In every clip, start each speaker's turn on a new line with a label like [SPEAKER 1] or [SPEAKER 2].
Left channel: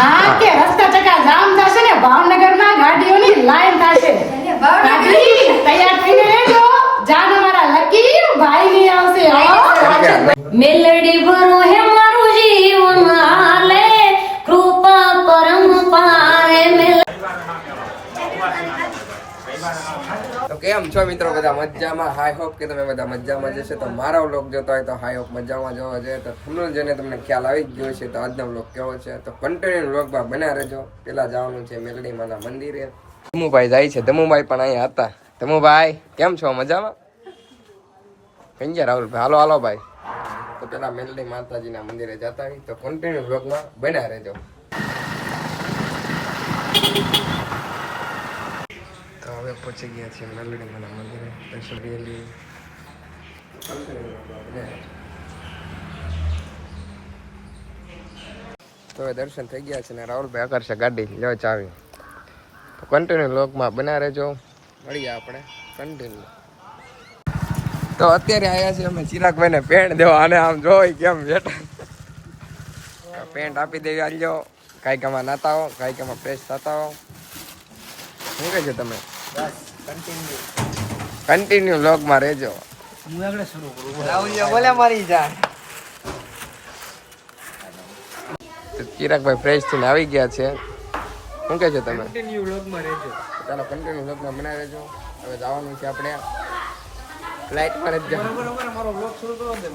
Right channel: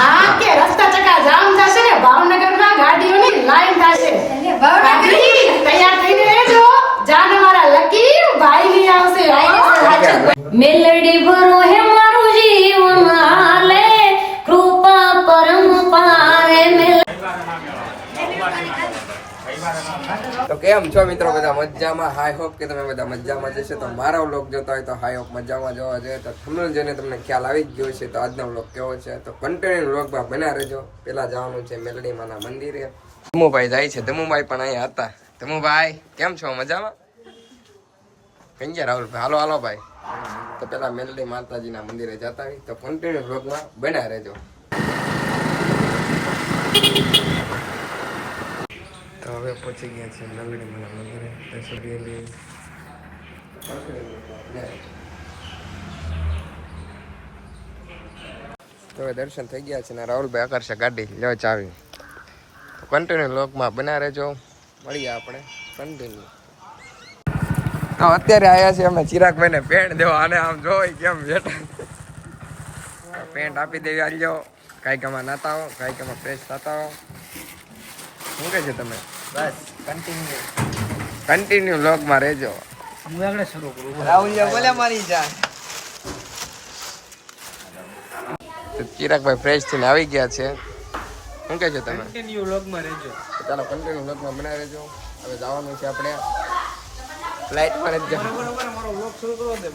[SPEAKER 1] હા કે રસ્તા ચકા જામ થશે ને ભાવનગરમાં ગાડીઓની લાઈન થશે. તૈયાર થઈને રહેજો. જાને મારા લકી ભાઈ ની આવશે
[SPEAKER 2] મેલડી ભરો હે મારું જીવન
[SPEAKER 3] તો કેમ છો મિત્રો બધા? મજામાં? હાઈ હોપ કે તમે બધા મજામાં જશે તો મારો વ્લોગ જોતો હોય તો હાઈ હોપ મજામાં જોવા છે તો થંબનેલ જોઈને તમને ખ્યાલ આવી જ ગયો છે તો આજનો વ્લોગ કેવો છે? તો કન્ટિન્યુ વ્લોગમાં બના રહેજો. પેલા જવાનું છે મેલડીમાના મંદિરે. ધમુભાઈ જાય છે. ધમુભાઈ પણ અહીંયા હતા. ધમુભાઈ, કેમ છો? મજામાં? કઈ ગયા રાહુલભાઈ હાલો હાલો ભાઈ. તો પેલા મેલડી માતાજીના મંદિરે જતા તો કન્ટિન્યુ વ્લોગમાં બના રહેજો. તો હવે પહોંચી ગયા છીએ મેલડી માના મંદિરે. દર્શન રેલી તો હવે દર્શન થઈ ગયા છે ને રાહુલભાઈ આકર્ષે ગાડી લ્યો ચાવી. તો કન્ટિન્યુ લોકમાં બના રહેજો. મળીએ આપણે કન્ટિન્યુ તો અત્યારે આવ્યા છીએ અમે ચિરાગભાઈને પેન્ટ દેવા અને આમ જોઈ કેમ બેઠા. પેન્ટ આપી દેવી આલજો કાંઈક આમાં નાતા હો કાંઈક આમાં પેસ્ટ થતા હો શું કહે છે તમે?
[SPEAKER 4] બસ
[SPEAKER 3] કન્ટિન્યુ લોગમાં રહેજો.
[SPEAKER 4] હું આગળ શરૂ કરું. રાહુલિયા બોલે મારી જા.
[SPEAKER 3] તો ચિરાગભાઈ ફ્રેશ થઈને આવી ગયા છે. શું કહે છે તમે?
[SPEAKER 4] કન્ટિન્યુ લોગમાં રહેજો.
[SPEAKER 3] ચાલો કન્ટિન્યુ લોગમાં બનાવી રહેજો. હવે જવાનું છે આપણે. ફ્લાઇટમાં જ જવાનું.
[SPEAKER 4] બરોબર મારો વ્લોગ શરૂ કરો દે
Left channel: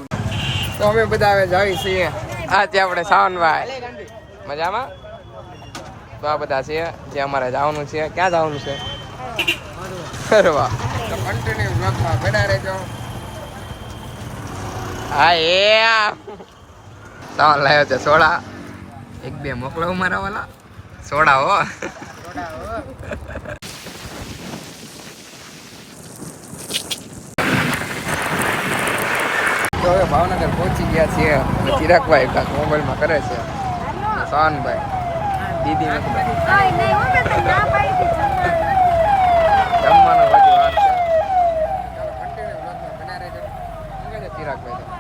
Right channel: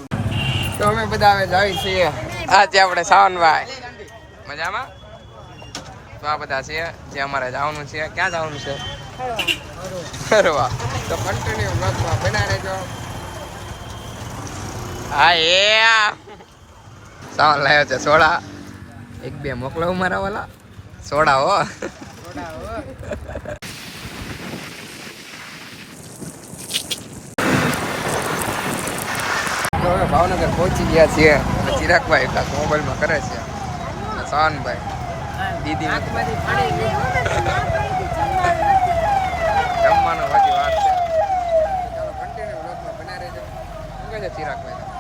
[SPEAKER 3] તો અમે બધા હવે જાવી છીએ. આ છે આપણે સાવનભાઈ. મજામાં? તો આ બધા છે જે અમારે જવાનું છે. ક્યાં જવાનું છે? ફરવા તો કન્ટિન્યુ બ્લોગમાં બના રહેજો. હા, એ સાવન લાવ્યો છે, સોડા. એક, બે મોકલો મારા વાલા. સોડા હો. હવે ભાવનગર પહોંચી ગયા છીએ. ચિરાગભાઈ કાંક મોબાઈલમાં કરે છે. શાનભાઈ દીદી નથી જમવાનો હજી વાર છે. ચાલો કન્ટિન્યુ બ્લોગમાં બના રહેજો. છે ચિરાગભાઈ તમે.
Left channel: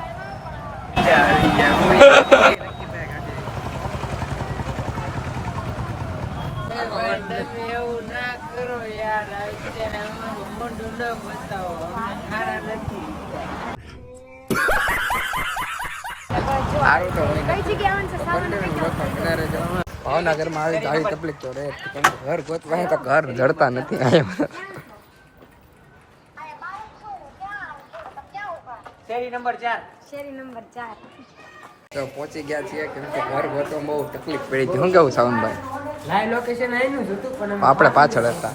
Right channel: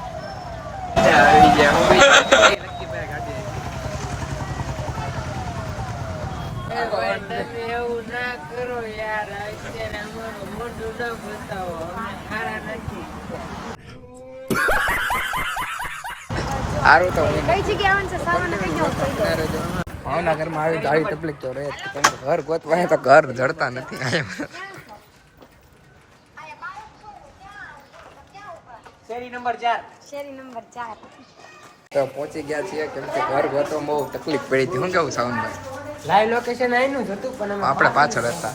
[SPEAKER 4] એવું ના કરો યાર અત્યારે અમારું મોઢું ન બતાવો નથી
[SPEAKER 3] સારું તો હું કન્ટિન્યુ બ્લોગમાં બના રહેજો. ભાવનગરમાં આવી તો આવી તકલીફ તો રહે. કેમ કે ઘર ગોતવાય તો ઘર જડતા નથી
[SPEAKER 4] શેરી નંબર ચાર.
[SPEAKER 3] તો પહોંચી ગયા છીએ કેમ કે ઘર ગોતવા બહુ તકલીફ પડી હતી. શું કેવું સાવનભાઈ?
[SPEAKER 4] લાઈવ લોકેશન આઈનું હતું પણ
[SPEAKER 3] આપણે પાછળ હતા.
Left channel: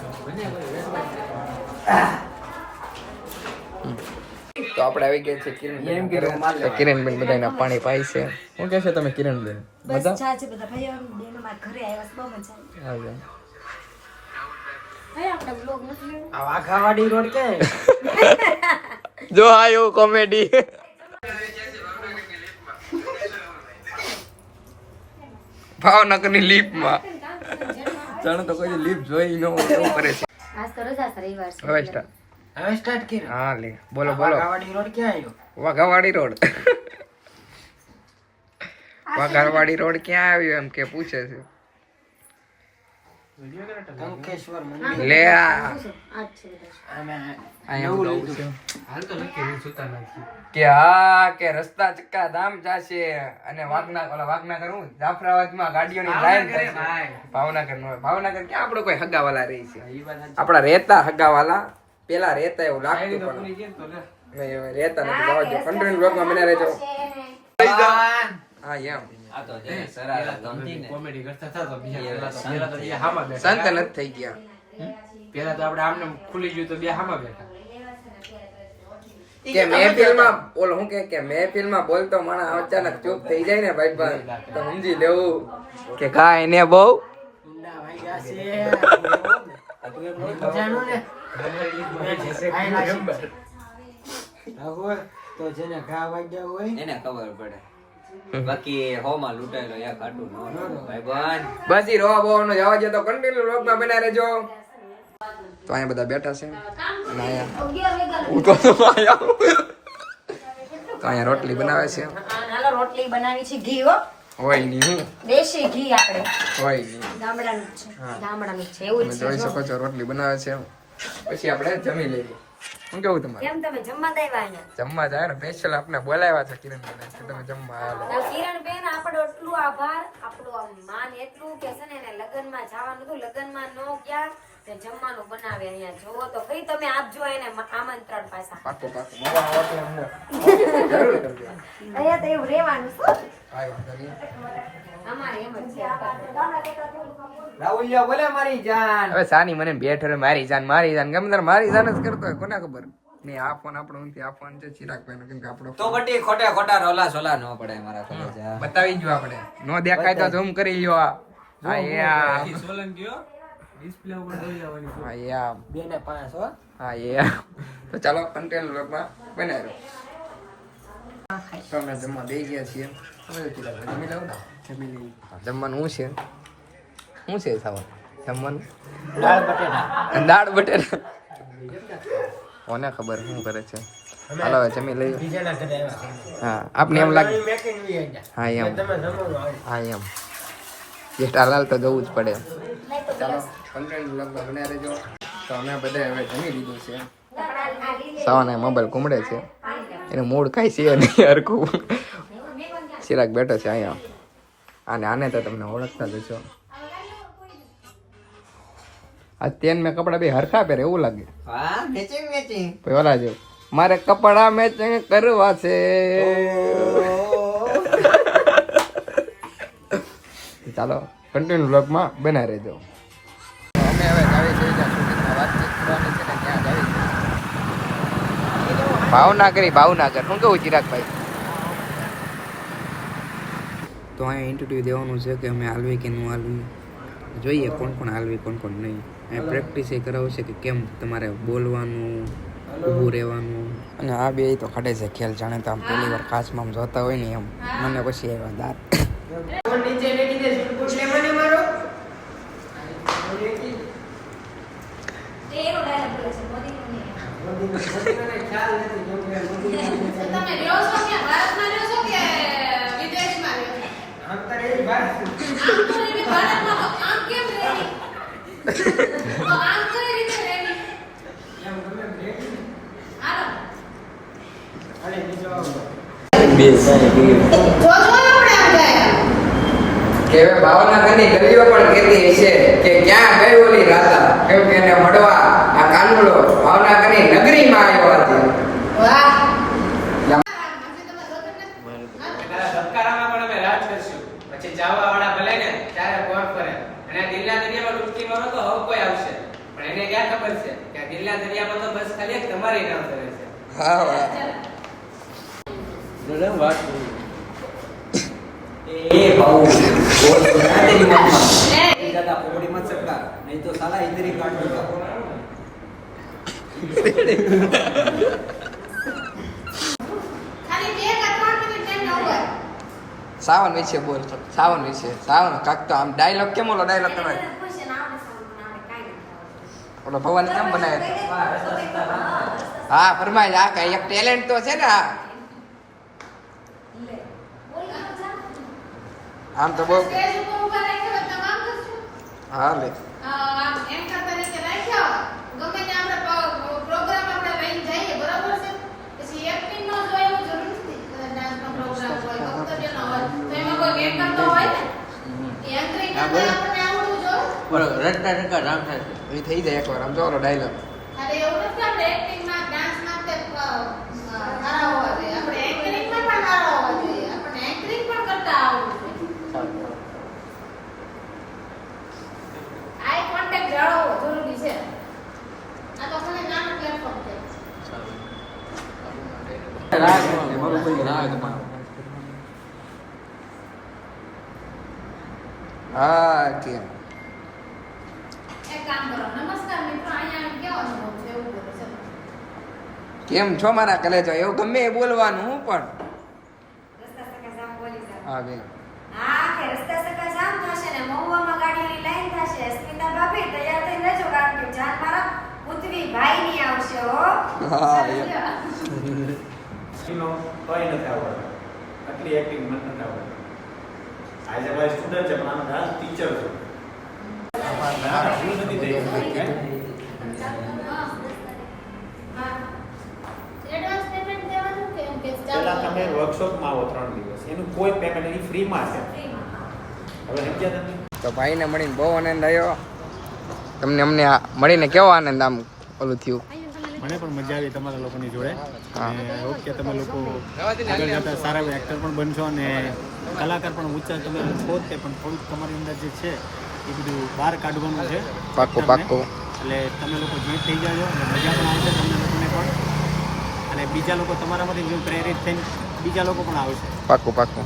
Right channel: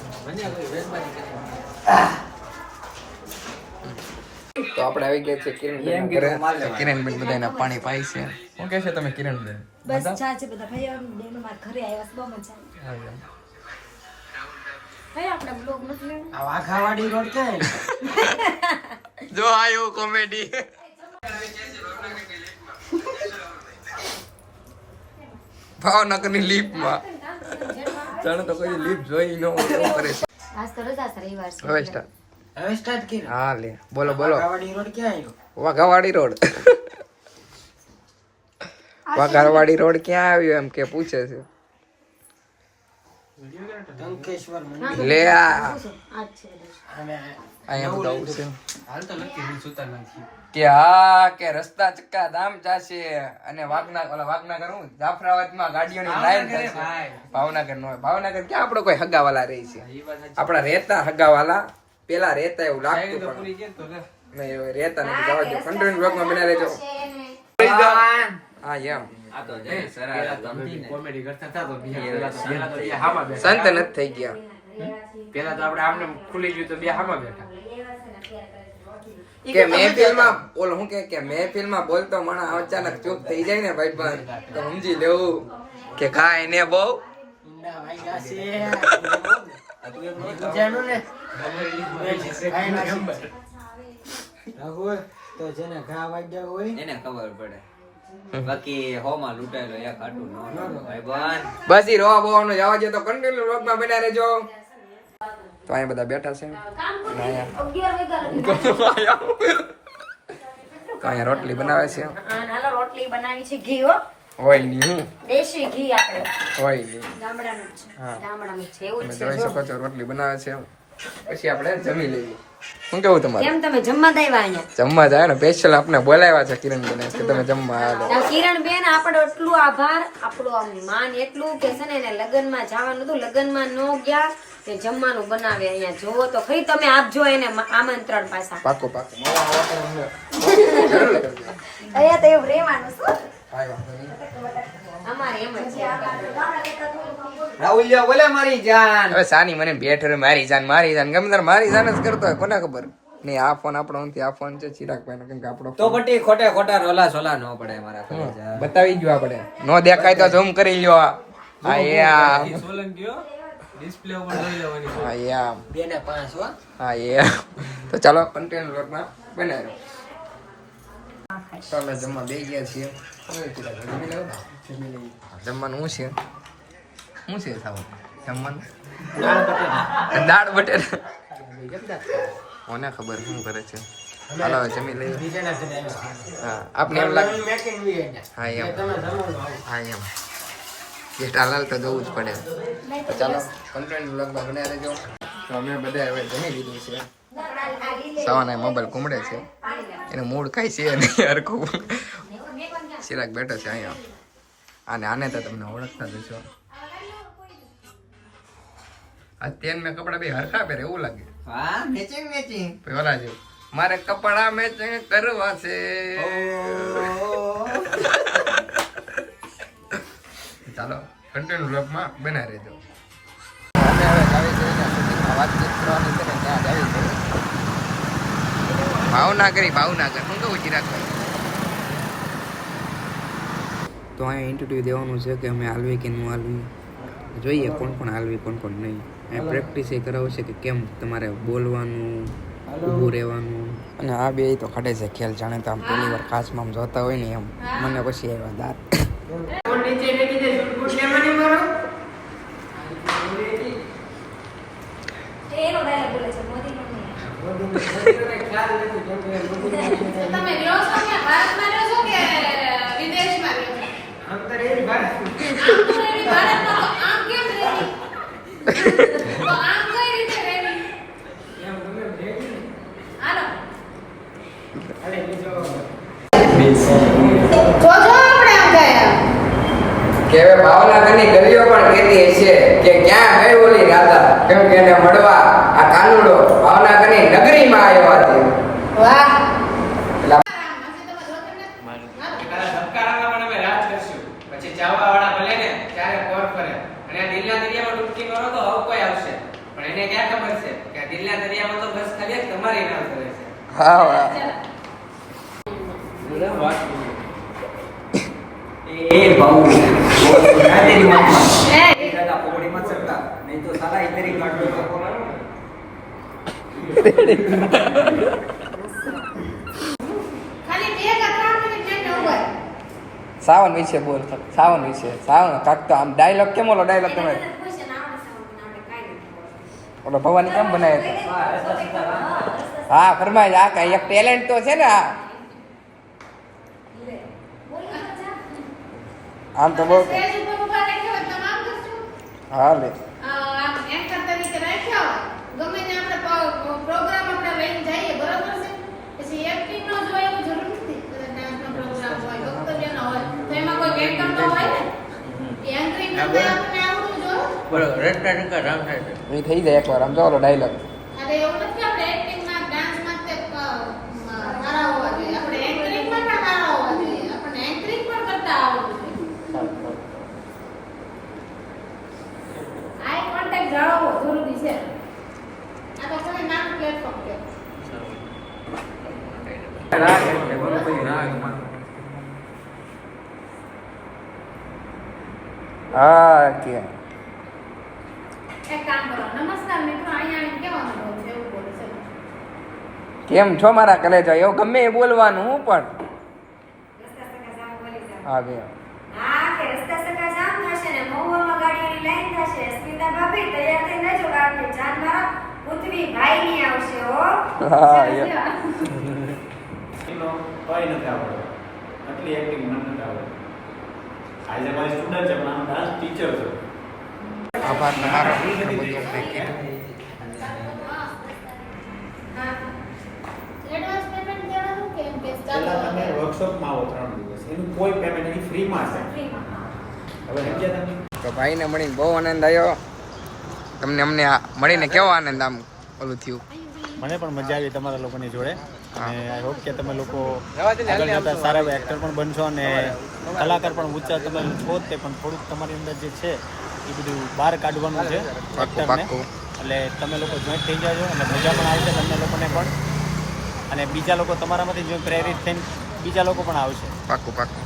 [SPEAKER 3] તો આપણે આવી ગયા છે કિરણબેન ઘરે. તો કિરણબેન બધાના પાણી પાય છે. શું કહે છે તમે કિરણબેન
[SPEAKER 2] બસ ચા છે બધા ભાઈ બહેનો મારા ઘરે આવ્યા છે બહુ મજા આવી. ભાઈ આપણે બ્લોગ નથી
[SPEAKER 4] આ વાઘાવાડી રોડ ક્યાં
[SPEAKER 3] જો આ એવું કોમેડી ભાવનગરની લીપમાં. જાણે તો કોઈ લીપ જોઈ ન હોય એવું કરે છે. હવે સ્ટાર્ટ
[SPEAKER 4] હવે સ્ટાર્ટ કરી
[SPEAKER 3] હા લે. બોલો બોલો.
[SPEAKER 4] વાઘાવાડી રોડ ક્યાં આવ્યો
[SPEAKER 3] વાઘાવાડી રોડ. વાઘાવાડી રોડ ક્યાં આવ્યો એમ કે પૂછે છે. લે આ. કે હા કે રસ્તા ચક્કા ધામ જાશે અને વાગના ઓલા વાગનાગર હું જાફરાબાદમાં ગાડીઓની લાઈન થાય ભાવનગર નો ભાવનગર ક્યાં આપણો કોઈ હગાવાલા રહી છે? આપણા રહેતા હગાવાલા પેલા રહેતા એવું લાગતું પણ નહીં હવે રહેતા નથી જવા દો કન્ટિન્યુ બ્લોગમાં બના રહેજો હા એમ.
[SPEAKER 4] કોમેડી કરતા હતા તો બીજા પેલા તો પેલા તો બે હામાં બેઠા.
[SPEAKER 3] સંત નથી થઈ ગયા.
[SPEAKER 4] પેલા તો આપણે આમને ખુલી ગયું તો બે હામાં બેઠા.
[SPEAKER 3] કે મહેફિલમાં બોલ હું કે કે મહેફિલમાં બોલતો માણસ અચાનક ચૂપ થઈ જાય ને ભાઈ ભાઈ તો સમજી લેવું કે કાંઈ ને બહુ.
[SPEAKER 4] તો જેને ઘા વાગ્યા હોય
[SPEAKER 5] એને ખબર પડે. બાકી હોમાં લૂંટાયેલો એક નો ભાઈ બન.
[SPEAKER 3] બસ ઈ રોવા બોવાનો જવા તો કન્ટિન્યુ વ્લોગમાં બના રહેજો. તો અહીંયા બધા બેઠા છે. અને અહીંયા તો અહીંયા તો અહીંયા રોટલી બનાવે છે.
[SPEAKER 2] આ રોટલી બનાવી છે ઘી હો.
[SPEAKER 3] હોય નહીં હું.
[SPEAKER 2] દેશી ઘી આપણે.
[SPEAKER 3] હોય નહીં.
[SPEAKER 2] ગામડાનું છે. ગામડાનું છે એવું
[SPEAKER 3] તમે જોઈ શકો છો રોટલી બનાવે છે. પછી આપણે જમી લઈએ. શું કેવું તમારે?
[SPEAKER 2] કેમ તમે જમવા દેવા અહીંયા?
[SPEAKER 3] જમવા જાય ને સ્પેશિયલ આપણે બોલાવ્યા છે કિરણ બેન કે તમે જમવા હાલો.
[SPEAKER 2] આ કિરણ બેન આપણો એટલું આભાર. આપણો આમ માન એટલું કે છે ને એને લગનમાં જવાનું હતું. લગનમાં નો ગયા કે જમવાનું બનાવે અહીંયા. જોવો તો ખરી તમે આપજો એને આમંત્રણ પાછા.
[SPEAKER 3] પાકું પાકું. મારા વાતો જરૂર કરજો.
[SPEAKER 2] અહીંયા તો એવું રહેવાનું છે.
[SPEAKER 3] કાંઈ વાંધો નહીં
[SPEAKER 2] અમારે એમ જ છે
[SPEAKER 5] રાહુલિયા બોલે. મારી જાન.
[SPEAKER 3] હવે સાની મને બેઠ રે મારી જાન મારી જાન. ગમે તારે મારી જાન જ કરતો હોય કોને ખબર? નહીં આ ફોન આપણો નથી આ ફોન છે ચિરાગભાઈ કેમ કે આપણો
[SPEAKER 5] તો બટી ખોટે ખોટા રોલા સોલા ન પડે મારા
[SPEAKER 3] બતાવી જ આપણે નો દેખાય તો ઝૂમ કરી લ્યો આ. આ એ આમ હા એ
[SPEAKER 5] બે ને પાંચ હો.
[SPEAKER 3] હા એ તો ચાલો કન્ટેન્ટ બ્લોગમાં બનાવી રહ્યો તો અમે જમવા બે ગયા છીએ. જમી લેવું ને? હા, જમવાનું શું છે? શું છે ખાવાનું જમવાનું? દાળ બટેટા. કોને ખબર શું કરે છે? હાલો જમી લઈ હા આપણે એમ લાગે હા એમ. હા એમ. એ લાલ તો જવું જ પડે. ચાલો કન્ટેન્ટ બ્લોગમાં બન્યા રહેજો. તો અમે બધા હવે જમી લીધું છે. સવાના મોબાઈલ કુમડે છે. એનું મૂડ કાંઈ છે નહીં હરખું ચિરાગ બેઠો છે અહીંયા. અને આને તો તમને ઓળખતા જ છો આ તેન મેં કપડા બે હરખા પહેરે એવું લાગે.
[SPEAKER 5] હા મેચિંગ મેચિંગ
[SPEAKER 3] પછી ઓલા જેવું મારે કપડા મેચિંગ કરવા છે. ચાલો કન્ટિન્યુ બ્લોગમાં બનાવી રહેજો. અમે હવે જાવી છીએ ત્યાં શૂટિંગમાં વાતચીત કરવાની છે ને ત્યાં જાવી ભાવનગરી ભાવનગર. શું કેવું ચિરાગભાઈ? તો અહીંયા ઇન્ટરવ્યૂ દેવાનું છે કે અમે હાલવી કે ન હાલવી? જોઈએ કોણ કોણ હાલવી, કોણ કોણ નહીં. અહીંયા પ્રેક્ટિસ એ કરાવશે કે કેમ તમારે બોલવાનું, ઊભું રહેવાનું? અને આ બે તો ખડે છે ખેલ જાણે તો આમ પહેલી વાર આમ જોતા હોય ને એમ. મને પછી આવ્યા દાંત
[SPEAKER 1] તમે રહ્યો છો કે ભારતમાં રહ્યો છો કે વિદેશમાં રહ્યો છો ભારતમાં તો આમ કેમ રહેલી? તો આમ કઈ રીતે રહેલી? હાલો. જોજો આપણે આમ ગયા.
[SPEAKER 3] કે હવે ભાવનગરની ગલીઓ પણ કહેતી હશે કે ક્યાં ગઈ ઓલી રાધા? કેમ કે એને મળવા આ કાનુડો ભાવનગરની નગરીમાં આવ્યો હતી
[SPEAKER 6] પછી ચાવવા વાળા ભલે ને ચારે કોર અને આ દરિયામાં ડૂબકી મારો તો હવે કોઈ આવશે. પણ એને ક્યાં ખબર છે કે આ દરિયામાં તો બસ ખાલી તમારી નામ કરે છે.
[SPEAKER 3] હા વાહ.
[SPEAKER 1] ए
[SPEAKER 3] સાવન વિશે બોલ તો. સાવન વિશે. સાવન કાક તો આમ ડાયલોગ કેમ ઓલો ડાયલોગ કરે ઓલો ભવાની કેમ બનાવ્યો હા ફરમાય આ કઈ એક ટેલેન્ટ તો છે ને આ.
[SPEAKER 1] બરાબર હોય, તો એમાં હા લે.
[SPEAKER 5] બોલો રટકા રટકા રામ થાય
[SPEAKER 3] એ થઈ જાય એકવાર આમ જાવ ડાયલોગ
[SPEAKER 1] અરે એવું નથી આપણે acting માં, dance માં તે, અ, સારા હોવા જોઈએ. આપણે anchoring માં પણ સારા હોવા જોઈએ. આપણને anchoring પણ કરતા આવડવું જોઈએ. Eye contact જાળવવો જરૂરી છે. આ તો ખાલી નાનું platform છે.
[SPEAKER 3] હા કે
[SPEAKER 1] એક કામ કરો નમસ્કાર મિત્રો અહીંયા આને કેવો અનુભવ છે? એવું બોલો છે
[SPEAKER 3] કેમ છો મારા કલેજો? એવું ગમે એ બોલવાનું પણ. હા બે
[SPEAKER 2] હા કે રસ્તા સકા જામ થશે ને મહુવામાં ગાડીઓની લાઈન થશે સ્મિતા ભાભી તૈયાર થઈને રહેજો કારણ કે જાન મારા પુત્રી ભાઈ ની આવશે હો
[SPEAKER 3] હા યા
[SPEAKER 6] કોઈ નથી આવડતો. આટલી એક્ટિંગ મને નથી આવડતી.
[SPEAKER 7] આજે મારી સ્ટુડન્ટ છે પણ આનો ડાન્સ ટીચર છું.
[SPEAKER 3] આભાર તમારો.
[SPEAKER 7] પહેલા તમે વર્કશોપમાં આવો ત્રણ દિવસ. એનું કોઈ પેમેન્ટ એની ફ્રીમાં છે. હવે સમજ્યા તમે
[SPEAKER 3] તો ભાઈને મળીને બહુ આનંદ આવ્યો. તમને અમને આ મળીને કેવો આનંદ આમ ઓલું થયું?
[SPEAKER 7] મને પણ મજા આવી તમારા લોકોની જોડે. અને હોપ કે તમે લોકો આગળ જતા સારા એવા એક્ટર પણ બનશો અને કલાકાર પણ ઊંચા તમે છો તે પણ થોડુંક તમારી અંદર જે છે એ બધું બહાર કાઢવાનું છે પાકો
[SPEAKER 3] પાકો
[SPEAKER 7] એટલે તમે લોકો જોઈન્ટ થઈ જાજો અને મજા પણ આવશે તમને લોકોને પણ. અને બીજા લોકો તમારામાંથી જો પ્રેરિત થઈને બીજા લોકો પણ આવશે.
[SPEAKER 3] પાકો પાકો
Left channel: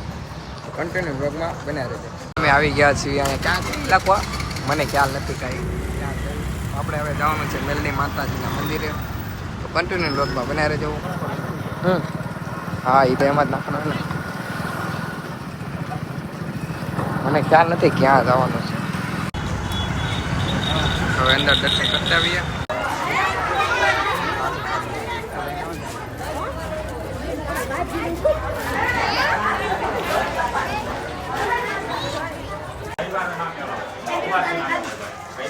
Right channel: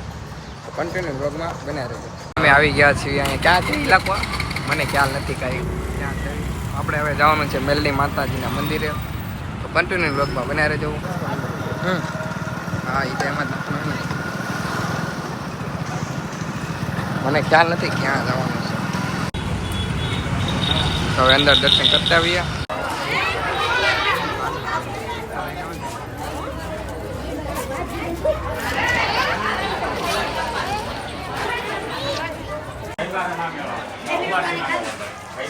[SPEAKER 3] કન્ટિન્યુ બ્લોગમાં બન્યા રહેજો. અમે આવી ગયા છીએ અહીંયા. ક્યાં છે ઇલાકો મને ખ્યાલ નથી કાંઈ. આપણે હવે જવાનું છે મેલડી માતાજીના મંદિરે. કન્ટિન્યુ બ્લોગમાં રહેજો. હમ. હા એ તો એમ જ નાખવાનું ને. મને ખ્યાલ નથી ક્યાં જવાનું છે. હવે અંદર દર્શન કરતા આવીએ દર્શન થઈ ગયા છે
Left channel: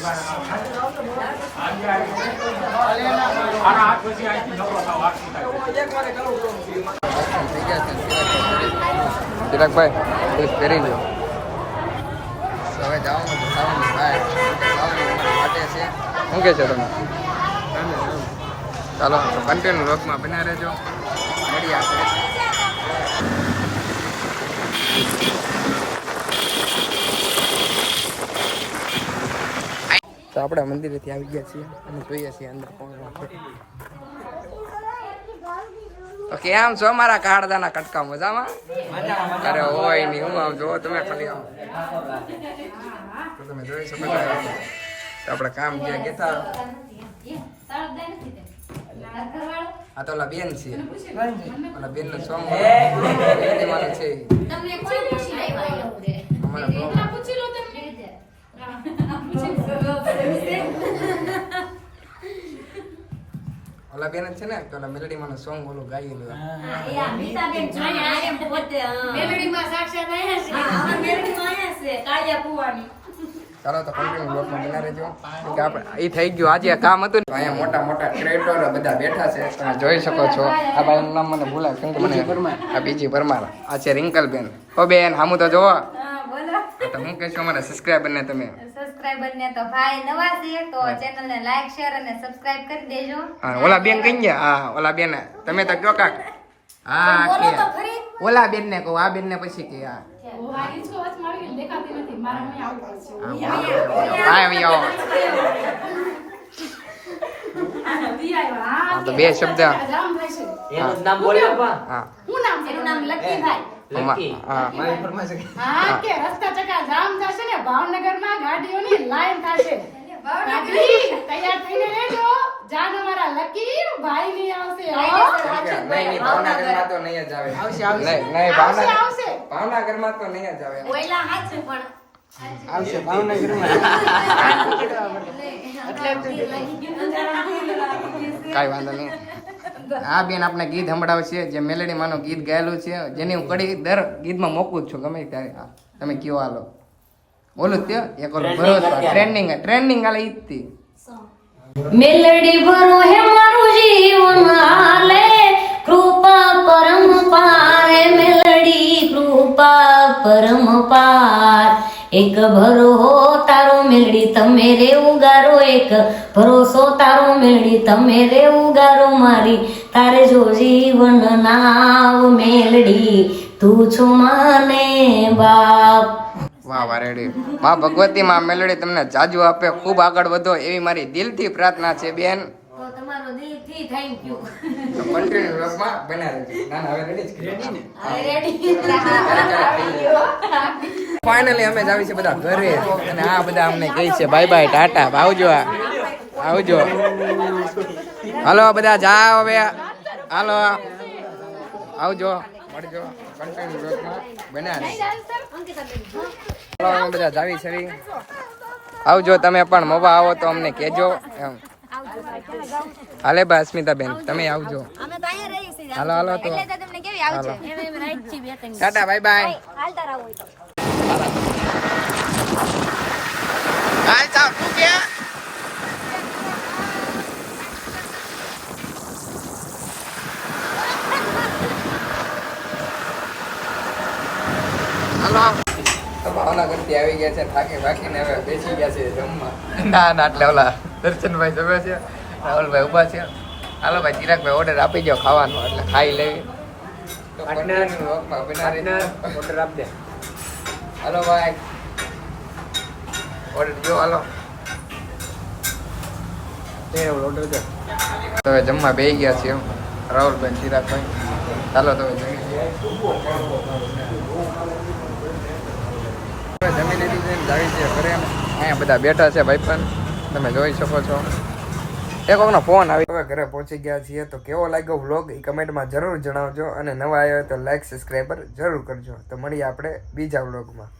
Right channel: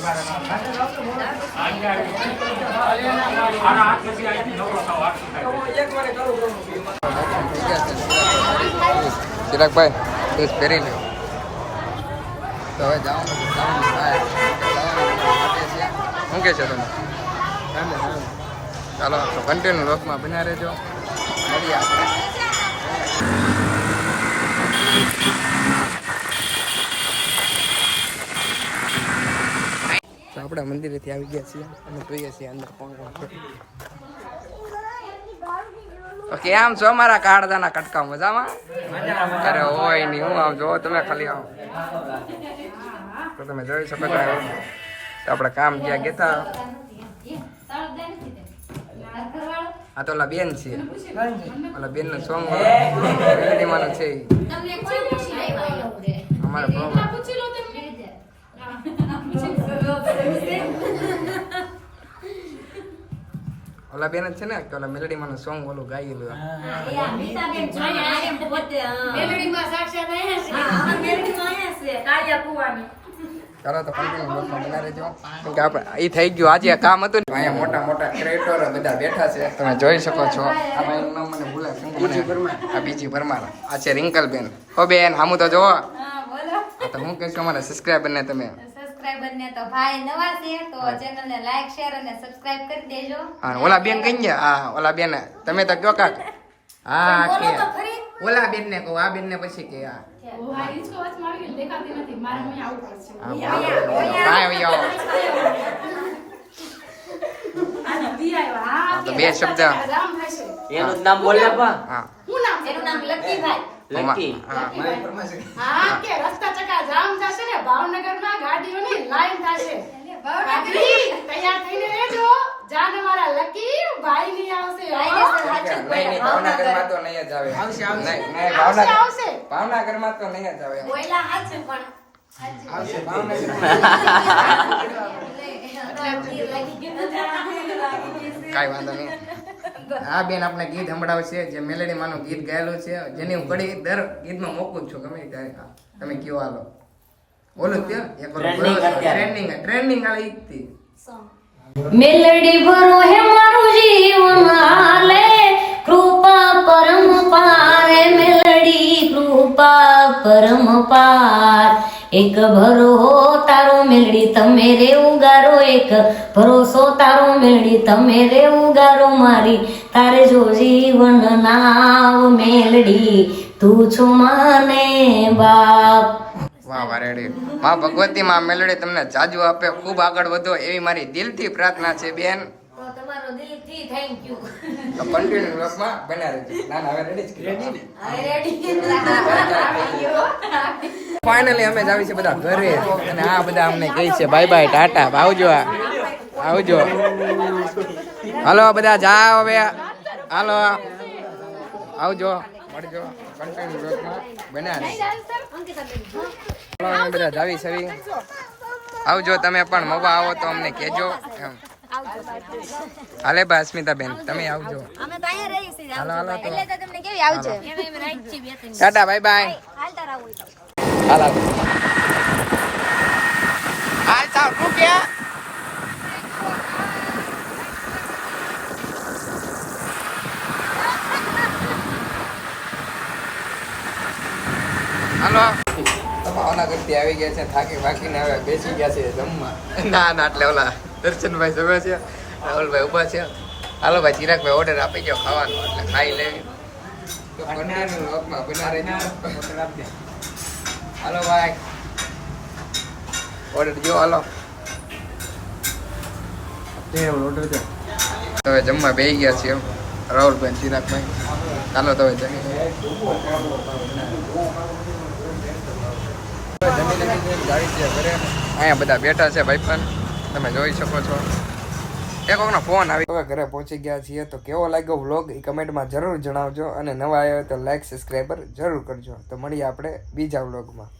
[SPEAKER 3] ચિરાગભાઈ તું પહેરી લ્યો. હવે જવાનું છે ખાવાની ભાઈ ખાવાની અમારી માટે છે. શું કહે છો તમે? ચાલો, તો કન્ટિન્યુ લોકમાં બન્યા રહેજો. મળીએ આપણે. તો આપણે મંદિરેથી આવી ગયા છીએ અને જોઈએ છીએ અંદર કોણ કોણ છે. કેમ છો મારા કાળદાના કટકા મજામાં? અરે હોય નહીં હું આમ જો તમે ખાલી આવો. તો તમે જોઈ શકો છો. તો આપણે કામ જ્યાં ગયા આ તો ઓલા બેન છે. ઓલા બેનનું સોંગ છે અમારા ઓલા બેન જ છે ને કે ઓલા મેલડી માનું સોંગ ઓલું ગાયેલું.
[SPEAKER 2] હા.
[SPEAKER 1] મેલડીમાં સાક્ષાત આયા છે.
[SPEAKER 2] અમારા મેરડીમાં આયા છે, કાળિયા કુવાની.
[SPEAKER 3] ચાલો તો કન્ટિન્યુ બ્લોગમાં બના રહેજો. કે આપણે એ થઈ ગયું આજે આ કામ હતું ને અહીંયા મોટા મોટા ક્રેટર બધા બેઠા છે. તમે જોઈ શકો છો. આ ભાઈનું નામ મને ભૂલાય શું કે મને આ બીજી પરમાર. આ છે રિંકલ બેન હો બેન હામું તો જોવો
[SPEAKER 8] હા બોલો.
[SPEAKER 3] આ તો હું કહેશું અમારા સબસ્ક્રાઈબર ને તમે.
[SPEAKER 8] સબસ્ક્રાઇબર ને તો ભાઈ નવા છે તો ચેનલ ને લાઈક શેર અને સબસ્ક્રાઇબ કરી દેજો.
[SPEAKER 3] હા ઓલા બેન કઈ ગયા હા ઓલા બેન તમે તો કયો કાક. હા કે ઓલા બેન ને કહું આ બેન ને પછી કે હા. બે શબ્દ.
[SPEAKER 5] નામ બોલે
[SPEAKER 3] હા.
[SPEAKER 1] નામ
[SPEAKER 8] એનું નામ
[SPEAKER 5] લકી
[SPEAKER 3] હા
[SPEAKER 1] હા કે રસ્તા ચકા જામ થશે ને ભાવનગરમાં ગાડીઓની લાઈન થશે. તૈયાર થઈને રહેજો જાન અમારા લકી ભાઈ ની આવશે હો.
[SPEAKER 3] નહીં નહીં ભાવનગરમાં તો નહીં જ આવે. નહીં નહીં
[SPEAKER 1] આવશે ભાવનગરમાં
[SPEAKER 3] ભાવનગરમાં તો નહીં જ આવે.
[SPEAKER 8] ઓયલા હાચું પણ.
[SPEAKER 3] કાંઈ વાંધો નહીં. આ બેન આપણે ગીત સંભળાવશે જે મેલેડી માનું ગીત ગાયેલું છે જેની હું કડી દર ગીતમાં મોકું છું ગમે ત્યારે. તમે કયો હાલો. બોલું તે એક ઓલો ભરોસો ટ્રેન્ડિંગ ટ્રેન્ડિંગ હાલે ઈ જ
[SPEAKER 8] મેલડી ભરો હે મારું જીવન હાલે કૃપા પરમ પાર મેલડી કૃપા પરમ પાર. એક ભરો તારો મેલડી, તમે રે ઉગારો એક. ભરોસો તારો મેલડી, તમે રે ઉગારો મારી. તારે જો જીવન નાવ મેળડી તું છો માને બાપ.
[SPEAKER 3] વાહ વાહ, રેડી. માં ભગવતી માં મેલડી તમને જાજુ આપે, ખૂબ આગળ વધો એવી મારી દિલથી પ્રાર્થના છે, બેન. કન્ટિન્યુ વ્લોગમાં રહેજો. ના? ના હવે રેડી જ ફાઇનલી અમે જ આવી છે બધા ઘરે. અને આ બધા અમને કહે છે બાય બાય ટાટા. આવજો આ. આવજો. હાલો બધા જાઓ હવે. હાલો. આવજો. મળજો. કન્ટિન્યુ વ્લોગમાં બન્યા રહેજો હાલો અમે બધા જાવી છે આવજો તમે પણ મોવા આવો તો અમને કહેજો. એમ. હાલે બા અસ્મિતાબેન તમે આવજો.
[SPEAKER 8] અમે બાય રહી છીએ
[SPEAKER 3] હાલો હાલો તો.
[SPEAKER 8] તમને કેવી
[SPEAKER 3] આવજો?
[SPEAKER 8] એમ એમ રાઈટ છે બે ત્રણ
[SPEAKER 3] ટાટા બાય બાય.
[SPEAKER 8] હાલતા રહો
[SPEAKER 3] હાલો. હાલતા તું ક્યાં? હાલો. ભાવનગરથી આવી ગયા છે થાકી બાકીને હવે બેસી ગયા છે જમવા. ના ના એટલે ઓલા દર્શનભાઈ જમે છે રાહુલભાઈ ઊભા છે. હાલો ભાઈ ચિરાગભાઈ ઓર્ડર આપી દો ખાવાનો એટલે ખાઈ લઈ.
[SPEAKER 7] ઓર્ડર આપી દે
[SPEAKER 3] હાલો ભાઈ. ઓર્ડર દો હાલો. તમે જમવા બે ગયા છીએ રાહુલભાઈ ચિરાગભાઈ. ચાલો તમે જમી લીધું છે ગાડી છે ઘરે. અહીંયા બધા બેઠા છે ભાઈ પણ તમે જોઈ શકો છો. એક વખતનો ફોન આવી. હવે ઘરે પહોંચી ગયા છીએ તો કેવો લાગ્યો વ્લોગ એ કમેન્ટમાં જરૂર જણાવજો અને નવા આવ્યા તો લાઈક સબસ્ક્રાઈબર જરૂર કરજો. તો મળીએ આપણે બીજા વ્લોગમાં